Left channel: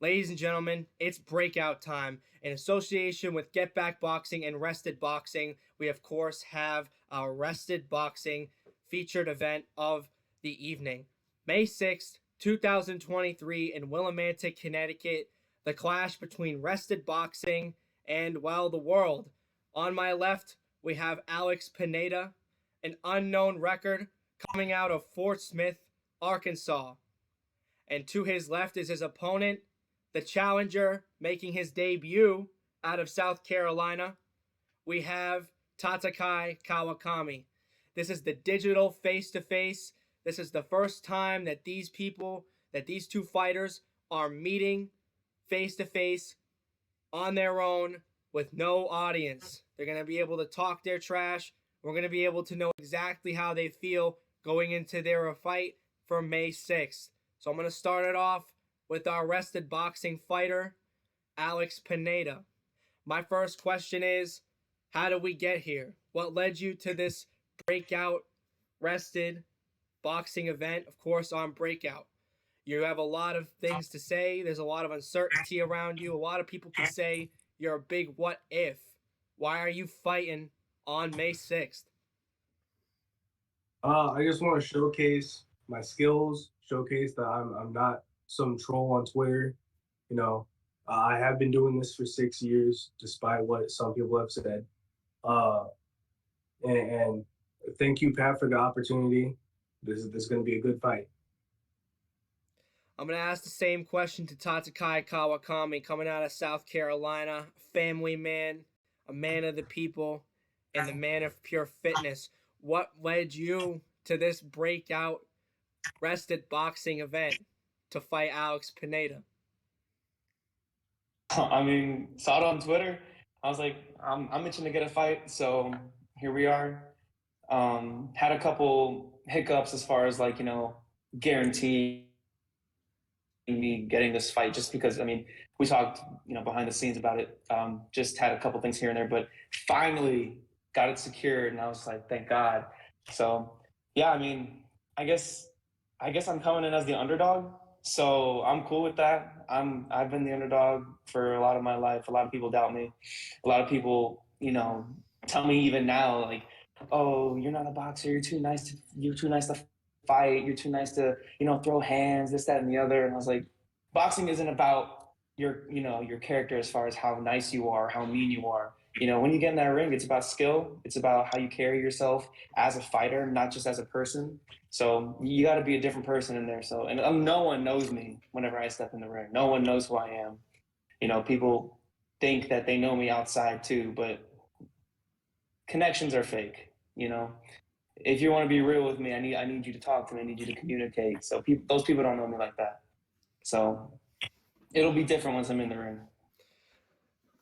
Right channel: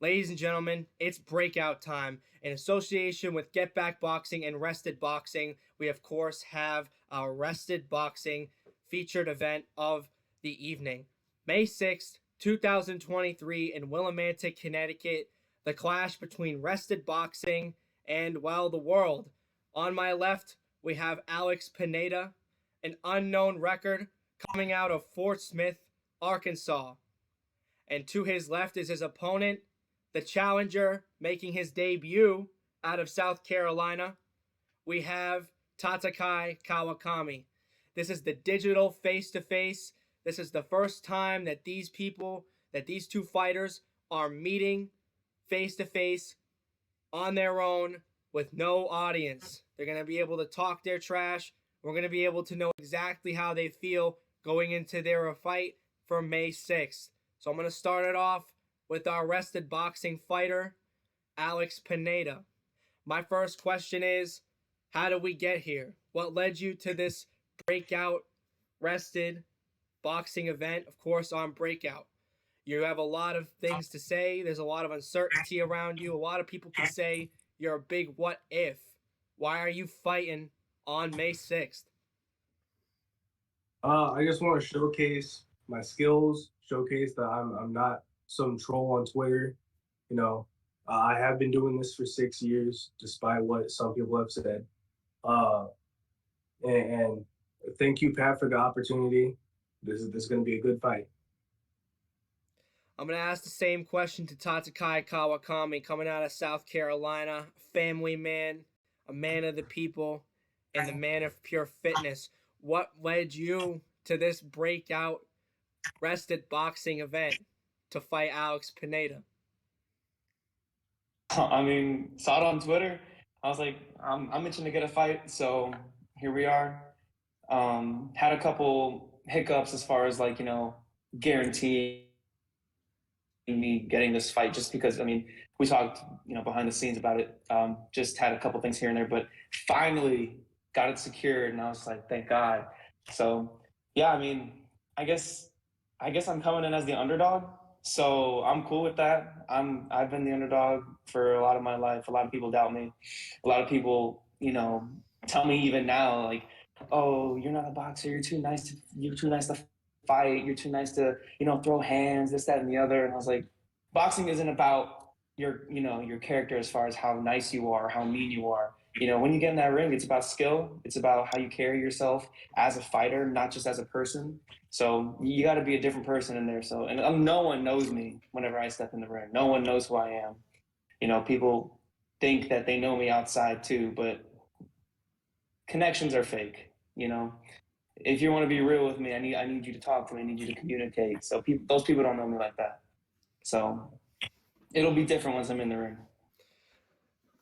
Ladies and gentlemen, it's breakout time. In association with Get Back Boxing and Rested Boxing, we of course have our Rested Boxing featured event of the evening. May 6th, 2023 in Willimantic, Connecticut, the clash between Rested Boxing and, well, the world. On my left, we have Alex Pineda, an unknown record coming out of Fort Smith, Arkansas. And to his left is his opponent, the challenger making his debut out of South Carolina. We have TATAKAI Kawakami. This is the digital face-to-face. This is the first time that these two fighters are meeting face-to-face on their own with no audience. They're going to be able to talk their trash. We're going to be able to know exactly how they feel going into their fight for May 6th. So I'm going to start it off with our rested boxing fighter, Alex Pineda. My first question is, how did we get here? What led you to this breakout rested boxing event? Of course, on Breakout. You have a lot of things to say. There's a lot of uncertainty around you. A lot of people could say you're a big what if. Why are you fighting on May 6th? I just want to showcase my skills, showcase that I'm not some troll on Twitter. I have been doing this for 6 years, despite what some people have said. And thank you, Pat, for the opportunity. This is going to be a good fight. I'm going to ask the same question to TATAKAI Kawakami, coming out of South Carolina, family man, a man of the people, and the man of pure fitness. What led you to this breakout rested boxing event to fight Alex Pineda? I mean, saw it on Twitter. I was like, I'm itching to get a fight, so here we are. Had a couple hiccups as far as guaranteeing me getting this fight, just because we talked behind the scenes about it. Just had a couple things here and there, but finally got it secured, and I was like, thank God. So yeah, I guess I'm coming in as the underdog. So I'm cool with that. I've been the underdog for a lot of my life. A lot of people doubt me. A lot of people, tell me even now, like, oh, you're not a boxer. You're too nice to fight. You're too nice to, throw hands, this, that, and the other. And I was like, boxing isn't about your character as far as how nice you are, how mean you are. When you get in that ring, it's about skill. It's about how you carry yourself as a fighter, not just as a person. So you got to be a different person in there. So, and no one knows me whenever I step in the ring. No one knows who I am. People think that they know me outside too, but connections are fake. If you want to be real with me, I need you to talk to me. I need you to communicate. So those people don't know me like that. So it'll be different once I'm in the ring.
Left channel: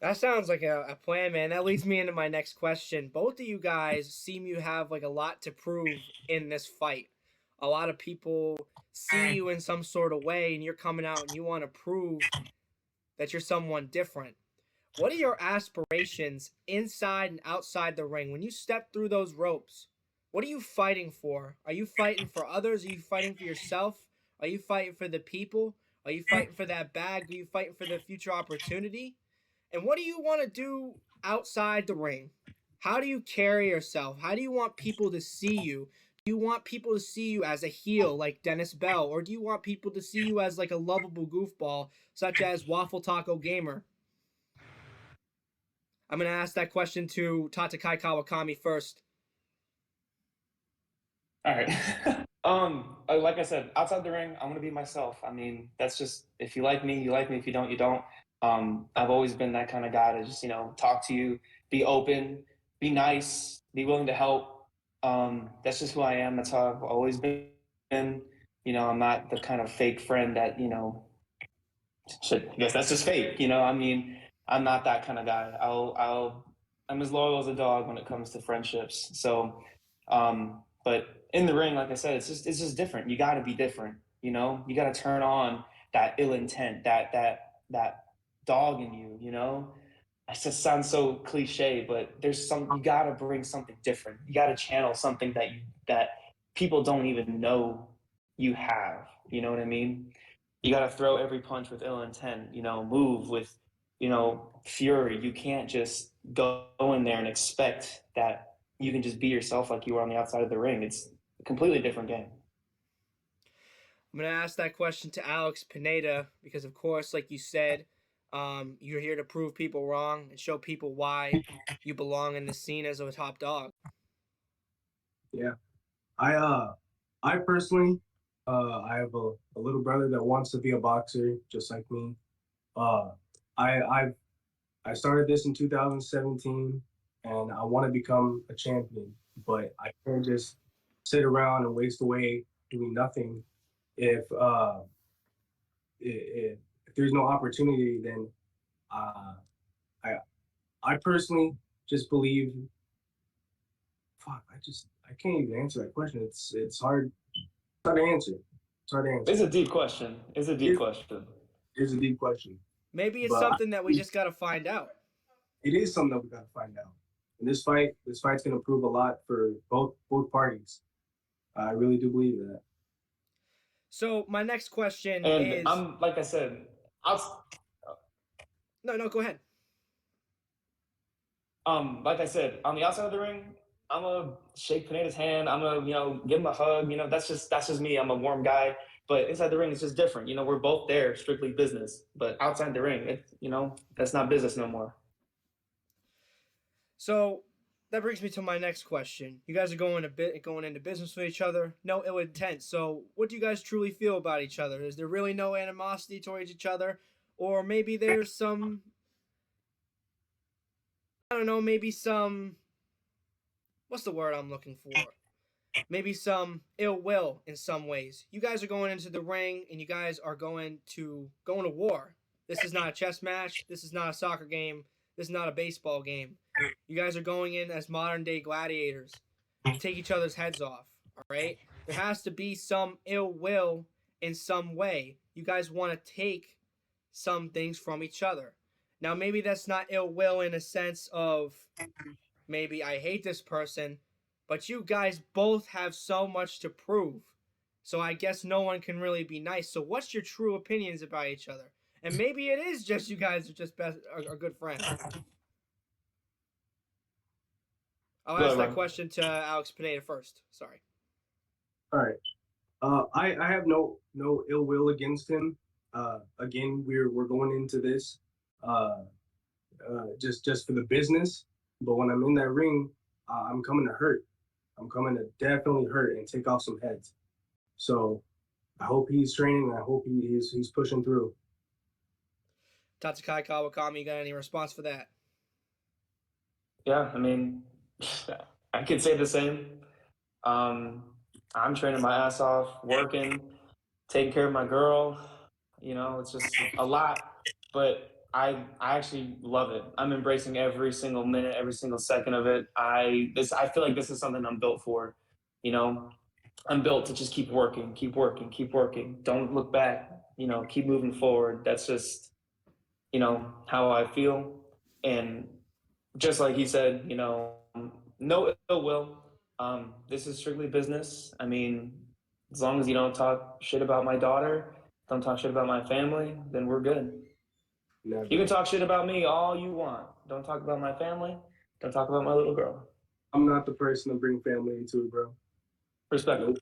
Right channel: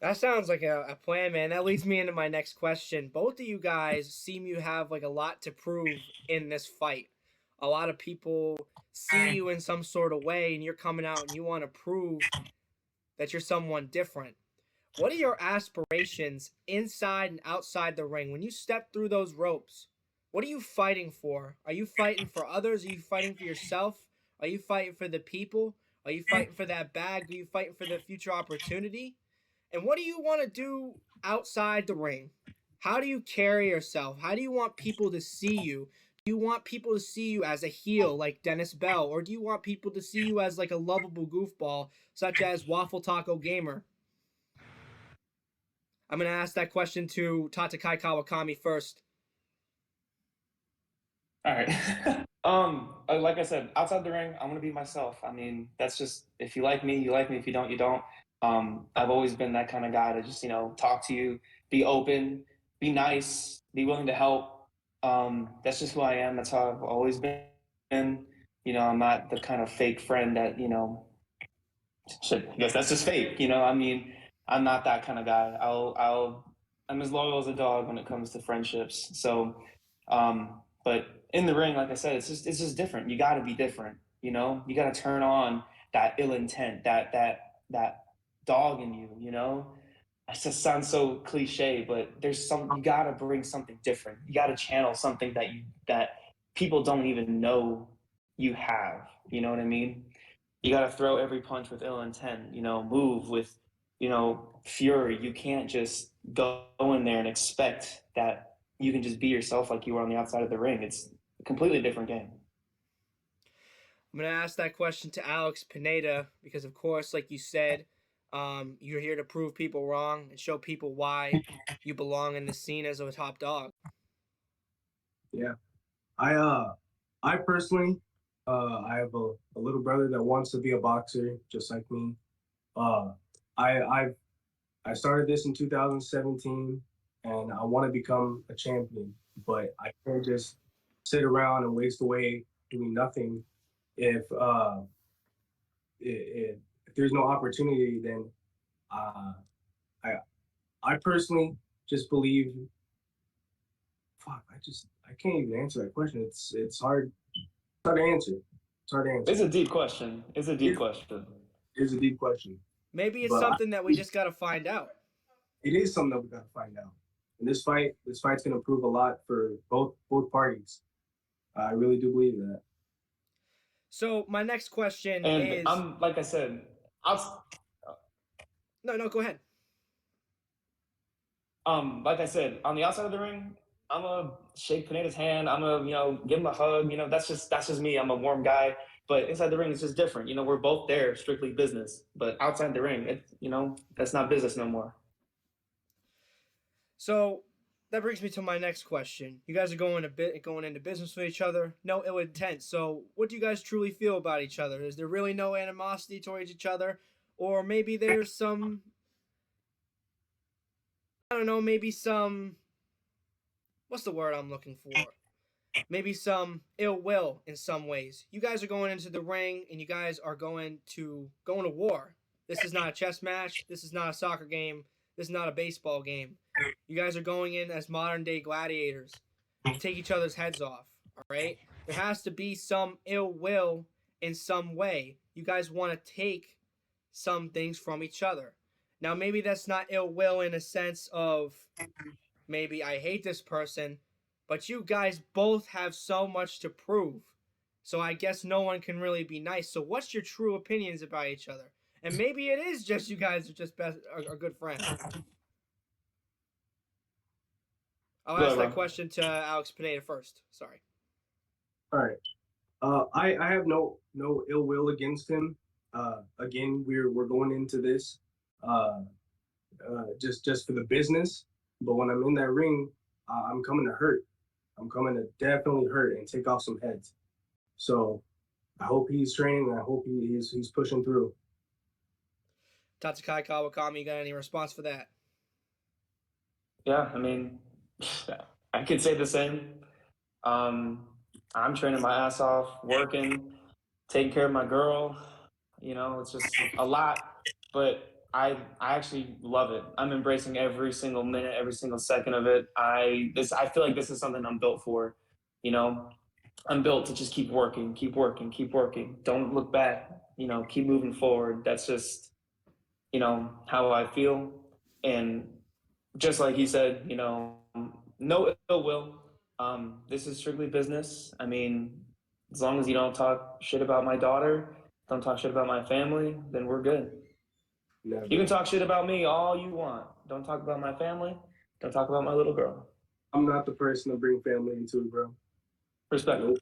That sounds like a plan, man. That leads me into my next question. Both of you guys seem you have a lot to prove in this fight. A lot of people see you in some sort of way, and you're coming out and you want to prove that you're someone different. What are your aspirations inside and outside the ring? When you step through those ropes, what are you fighting for? Are you fighting for others? Are you fighting for yourself? Are you fighting for the people? Are you fighting for that bag? Are you fighting for the future opportunity? And what do you want to do outside the ring? How do you carry yourself? How do you want people to see you? Do you want people to see you as a heel like Dennis Bell? Or do you want people to see you as a lovable goofball such as Waffle Taco Gamer? I'm going to ask that question to TATAKAI Kawakami first. All right. Like I said, outside the ring, I'm going to be myself. That's just, if you like me, you like me. If you don't, you don't. I've always been that kind of guy to just, talk to you, be open, be nice, be willing to help. That's just who I am. That's how I've always been. I'm not the kind of fake friend that, I guess that's just fake. I'm not that kind of guy. I'm as loyal as a dog when it comes to friendships. So, but in the ring, like I said, it's just different. You got to be different. You got to turn on that ill intent, that dog in you. It just sounds so cliche, but you got to bring something different. You got to channel something that people don't even know you have. You know what I mean? You got to throw every punch with ill intent, move with, fury. You can't just go in there and expect that you can just be yourself like you were on the outside of the ring. It's a completely different game. I'm going to ask that question to Alex Pineda because, of course, like you said, you're here to prove people wrong and show people why you belong in the scene as a top dog. Yeah, I personally, I have a little brother that wants to be a boxer just like me. Uh, I started this in 2017, and I want to become a champion, but I can't just sit around and waste away doing nothing if there's no opportunity. Then uh, I I personally just believe. Fuck, I can't even answer that question. It's hard. It's hard to answer. It's hard to answer. It's a deep question. It's a deep question. It's a deep question. Maybe it's something that we just got to find out. It is something that we got to find out. And this fight's going to prove a lot for both parties. I really do believe that. So my next question is, like I said, No, go ahead. Like I said, on the outside of the ring, I'm gonna shake Pineda's hand. I'm gonna, give him a hug. That's just me. I'm a warm guy. But inside the ring, it's just different. We're both there, strictly business. But outside the ring, that's not business no more. So that brings me to my next question. You guys are going into business with each other. No ill intent. So what do you guys truly feel about each other? Is there really no animosity towards each other, or maybe there's some? I don't know. Maybe some. What's the word I'm looking for? Maybe some ill will in some ways. You guys are going into the ring and you guys are going to war. This is not a chess match. This is not a soccer game. This is not a baseball game. You guys are going in as modern day gladiators. Take each other's heads off. All right? There has to be some ill will in some way. You guys want to take some things from each other. Now, maybe that's not ill will in a sense of maybe I hate this person, but you guys both have so much to prove. So I guess no one can really be nice. So what's your true opinions about each other? And maybe it is just you guys are just are good friends. I'll ask that question to Alex Pineda first. Sorry. All right. I have no ill will against him. Again, we're going into this just for the business. But when I'm in that ring, I'm coming to hurt. I'm coming to definitely hurt and take off some heads. So I hope he's training. I hope he's pushing through. TATAKAI Kawakami, you got any response for that? Yeah, I could say the same. I'm training my ass off, working, taking care of my girl. It's just a lot, but I actually love it. I'm embracing every single minute, every single second of it. I feel like this is something I'm built for. I'm built to just keep working, keep working, keep working. Don't look back. Keep moving forward. That's just how I feel. And just like he said, no ill will. This is strictly business. As long as you don't talk shit about my daughter, don't talk shit about my family, then we're good. Never. You can talk shit about me all you want. Don't talk about my family. Don't talk about my little girl. I'm not the person to bring family into it, bro. Respectfully.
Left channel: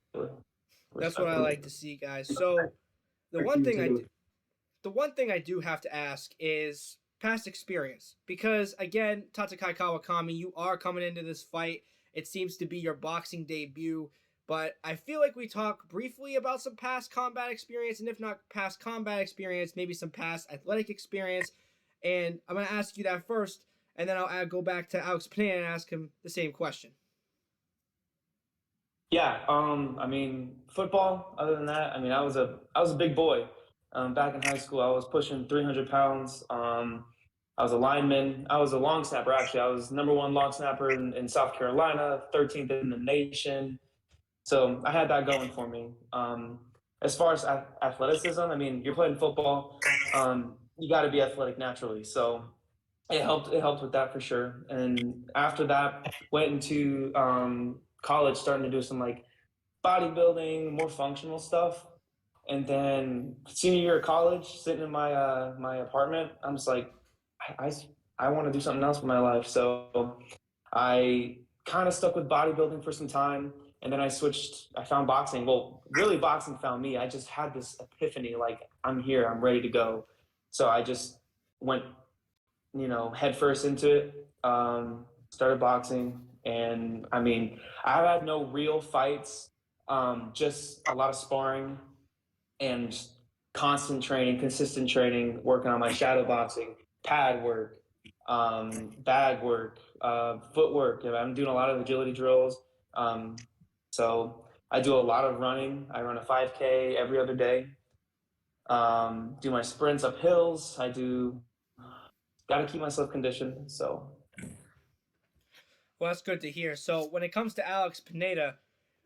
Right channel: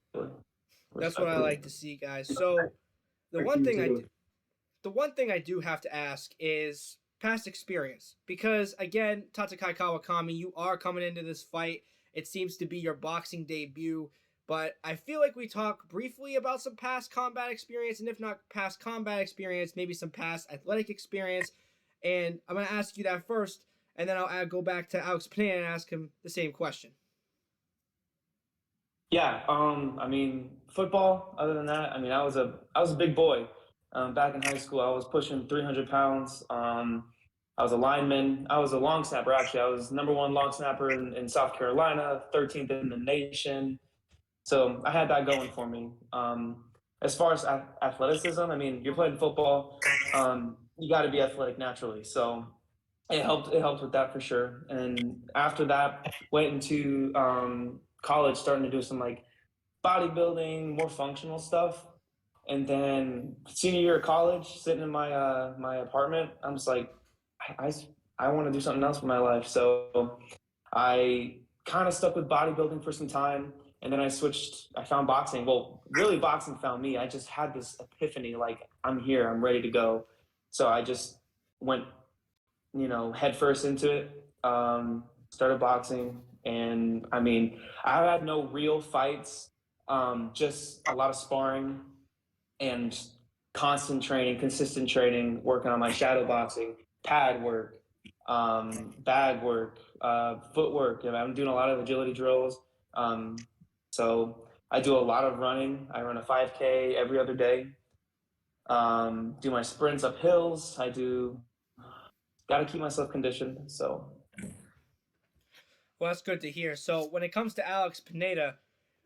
That's what I like to see, guys. So the one thing I do have to ask is past experience. Because again, TATAKAI Kawakami, you are coming into this fight. It seems to be your boxing debut. But I feel like we talk briefly about some past combat experience, and if not past combat experience, maybe some past athletic experience. And I'm going to ask you that first, and then I'll go back to Alex Pineda and ask him the same question. Yeah, football, other than that, I was a big boy. Back in high school, I was pushing 300 pounds. I was a lineman. I was a long snapper, actually. I was number 1 long snapper in South Carolina, 13th in the nation. So I had that going for me. As far as athleticism, you're playing football. You got to be athletic naturally. So it helped with that for sure. And after that, went into college, starting to do some like bodybuilding, more functional stuff. And then senior year of college, sitting in my apartment, I'm just like, I, I want to do something else with my life. So I kind of stuck with bodybuilding for some time, and then I switched. I found boxing. Well, really, boxing found me. I just had this epiphany, like I'm here, I'm ready to go. So I just went, head first into it. Started boxing, and I mean, I had no real fights, just a lot of sparring and constant training, consistent training, working on my shadow boxing, pad work, bag work, footwork. I'm doing a lot of agility drills. So I do a lot of running. I run a 5K every other day. Do my sprints up hills. Got to keep myself conditioned. So Well, that's good to hear. So when it comes to Alex Pineda,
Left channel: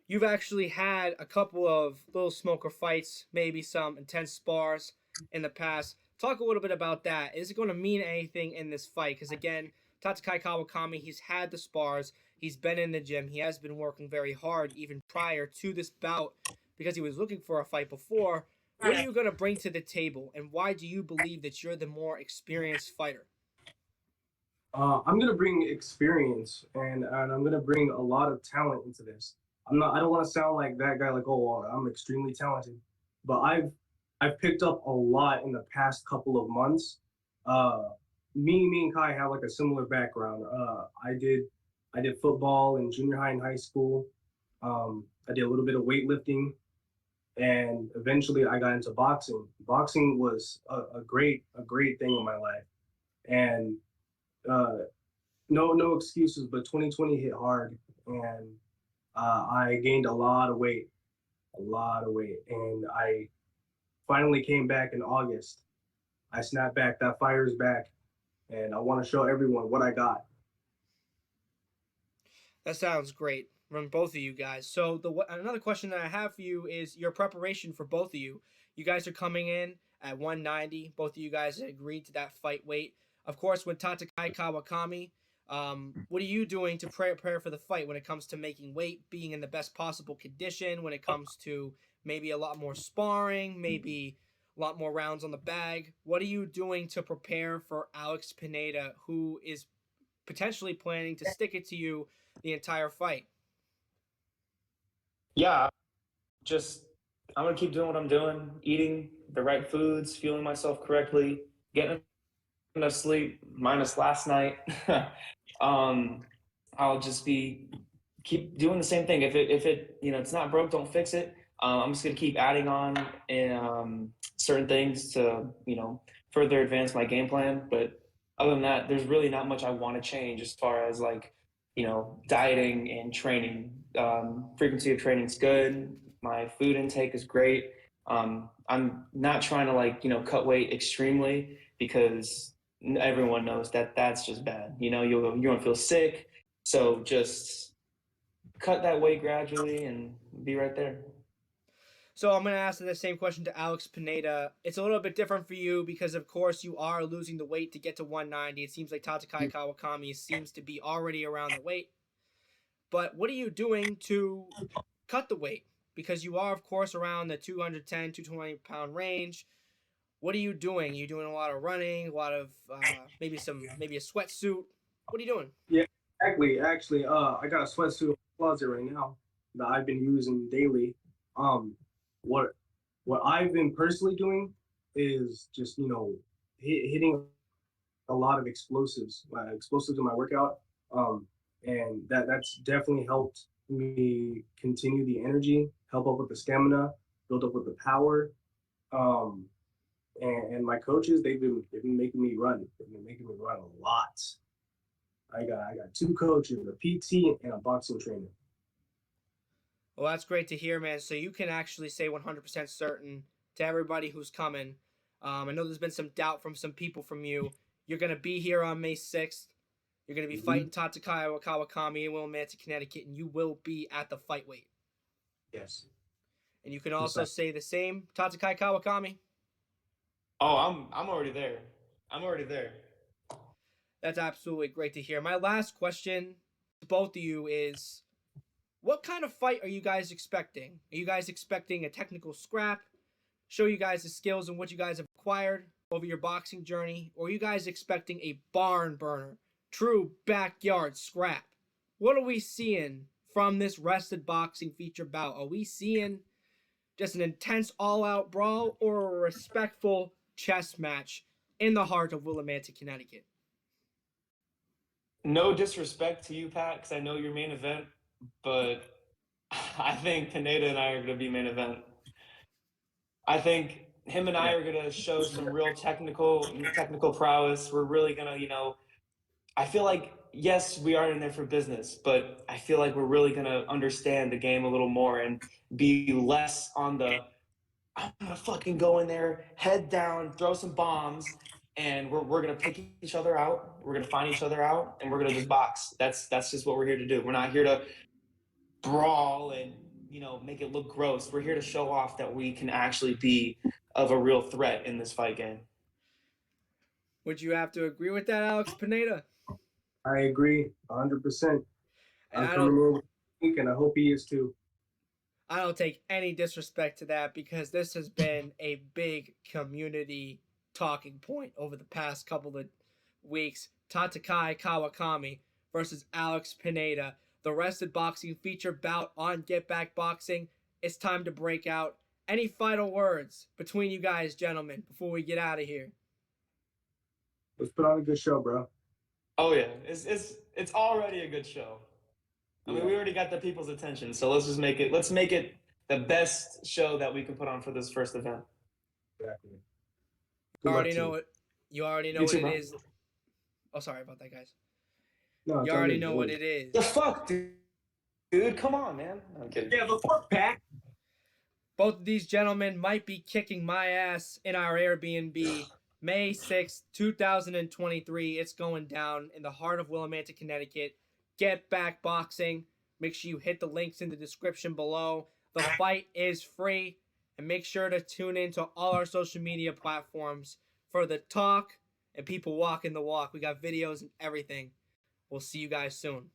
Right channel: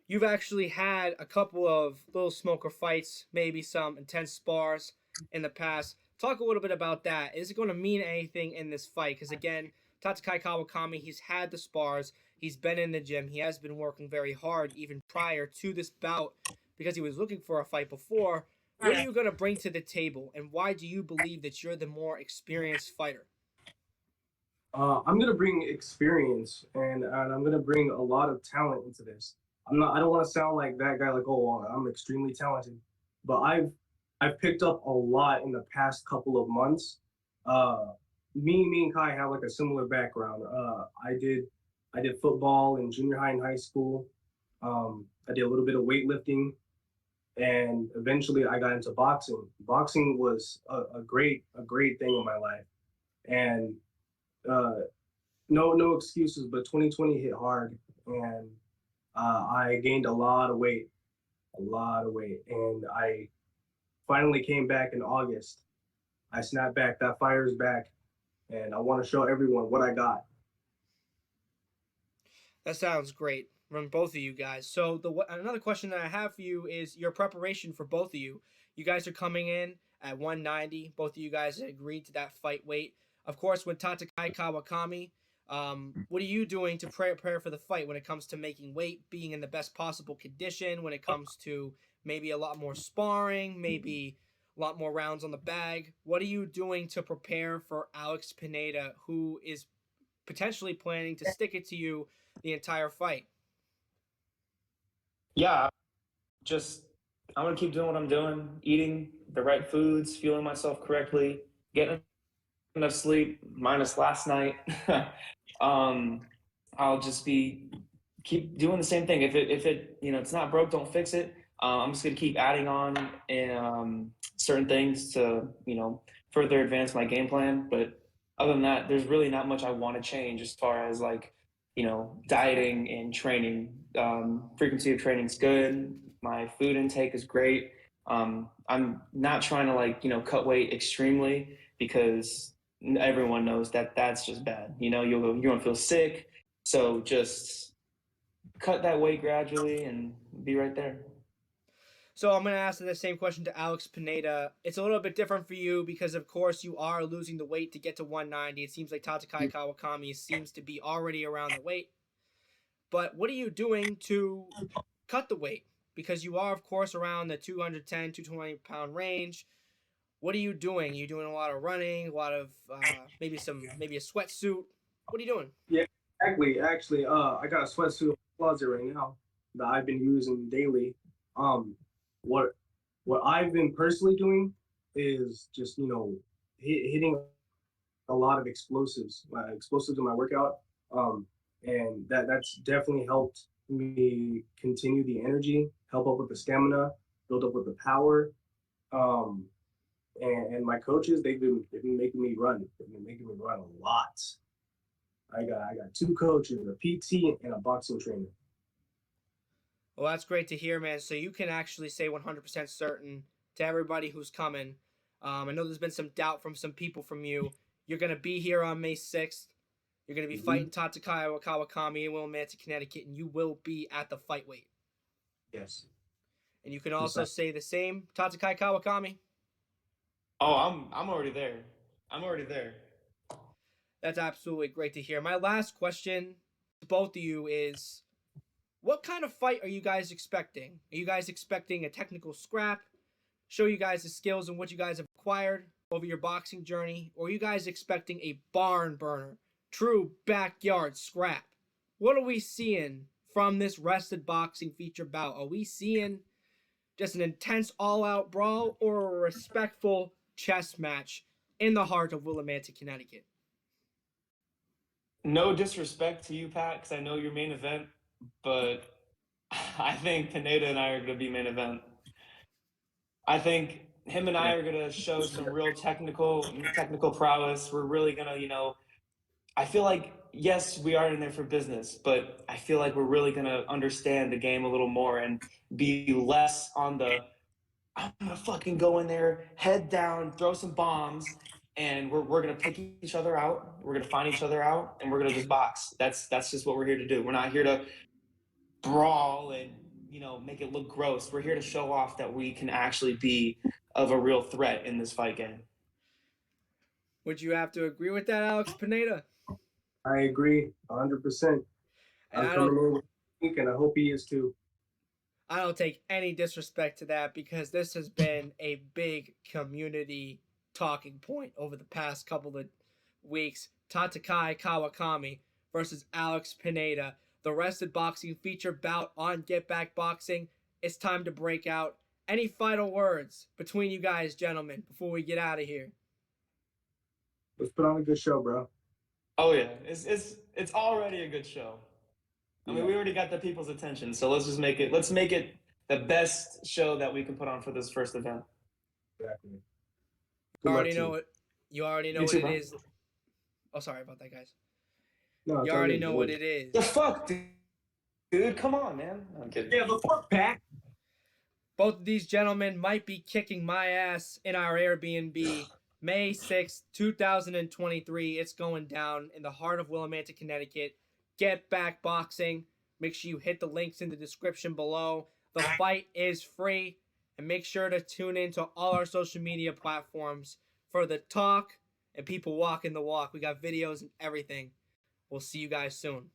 you've actually had a couple of little smoker fights, maybe some intense spars in the past. Talk a little bit about that. Is it going to mean anything in this fight? Because again, TATAKAI Kawakami, he's had the spars, he's been in the gym, he has been working very hard even prior to this bout because he was looking for a fight before. What are you going to bring to the table, and why do you believe that you're the more experienced fighter? I'm gonna bring experience and I'm gonna bring a lot of talent into this. I don't want to sound like that guy, like, oh, well, I'm extremely talented, but I've picked up a lot in the past couple of months. Uh, me and Kai have like a similar background. I did football in junior high and high school. I did a little bit of weightlifting, and eventually I got into boxing. Boxing was a great thing in my life, and uh, no excuses, but 2020 hit hard, and I gained a lot of weight, and I finally came back in August. I snapped back. That fire's back, and I want to show everyone what I got. That sounds great from both of you guys. So another question that I have for you is your preparation for both of you. You guys are coming in at 190. Both of you guys agreed to that fight weight. Of course, with TATAKAI Kawakami, what are you doing to prepare for the fight when it comes to making weight, being in the best possible condition, when it comes to maybe a lot more sparring, maybe a lot more rounds on the bag? What are you doing to prepare for Alex Pineda, who is potentially planning to stick it to you the entire fight? yeah, just I'm gonna keep doing what I'm doing, eating the right foods, fueling myself correctly, getting enough sleep, minus last night. um, I'll just be keep doing the same thing. If it it's not broke, don't fix it. I'm just gonna keep adding on certain things to further advance my game plan. But other than that, there's really not much I want to change as far as like dieting and training. Frequency of training is good. My food intake is great. I'm not trying to like cut weight extremely because everyone knows that that's just bad. You're gonna feel sick. So just cut that weight gradually and be right there. So I'm going to ask the same question to Alex Pineda. It's a little bit different for you because, of course, you are losing the weight to get to 190. It seems like TATAKAI Kawakami seems to be already around the weight. But what are you doing to cut the weight? Because you are, of course, around the 210, 220-pound range. What are you doing? Are you doing a lot of running, a lot of maybe a sweatsuit? What are you doing? Yeah, exactly. Actually, I got a sweatsuit in the closet right now that I've been using daily. Um, what what I've been personally doing is just hitting a lot of explosives in my workout. Um, and that's definitely helped me continue the energy, help up with the stamina, build up with the power. Um, and my coaches, they've been making me run. They've been making me run a lot. I got two coaches, a PT and a boxing trainer. Well, that's great to hear, man. So you can actually say 100% certain to everybody who's coming. I know there's been some doubt from some people from you. You're going to be here on May 6th. You're going to be Mm-hmm. fighting TATAKAI Kawakami in Willimantic, Connecticut, and you will be at the fight weight. Yes. And you can Yes, also say the same, TATAKAI Kawakami. Oh, I'm already there. I'm already there. That's absolutely great to hear. My last question to both of you is, what kind of fight are you guys expecting? Are you guys expecting a technical scrap? show you guys the skills and what you guys have acquired over your boxing journey, or are you guys expecting a barn burner, true backyard scrap? What are we seeing from this rested boxing feature bout? Are we seeing just an intense all-out brawl or a respectful chess match in the heart of Willimantic, Connecticut? No disrespect to you, Pat, because I know your main event, but I think Pineda and I are going to be main event. I think him and I are going to show some real technical prowess. We're really going to, I feel like, yes, we are in there for business, but I feel like we're really going to understand the game a little more and be less on the, I'm going to fucking go in there, head down, throw some bombs, and we're going to pick each other out. We're going to find each other out, and we're going to just box. That's just what we're here to do. We're not here to brawl and make it look gross. We're here to show off that we can actually be of a real threat in this fight game. Would you have to agree with that, Alex Pineda? I agree 100%. And I'm coming in, and I hope he is too. I don't take any disrespect to that because this has been a big community talking point over the past couple of weeks. TATAKAI Kawakami versus Alex Pineda. The rested boxing feature bout on Get Back Boxing. It's time to break out. Any final words between you guys, gentlemen, before we get out of here? Let's put on a good show, bro. Oh yeah, it's already a good show. I mean, we already got the people's attention, so let's make it the best show that we can put on for this first event. Exactly. You already know what it is. Oh, sorry about that, guys. No, you already know what it is. The fuck, dude? Come on, man. I'm kidding. Yeah, the fuck, Pat. Both of these gentlemen might be kicking my ass in our Airbnb. May 6th, 2023. It's going down in the heart of Willimantic, Connecticut. Get Back Boxing. Make sure you hit the links in the description below. The fight is free. And make sure to tune in to all our social media platforms for the talk and people walking the walk. We got videos and everything. We'll see you guys soon.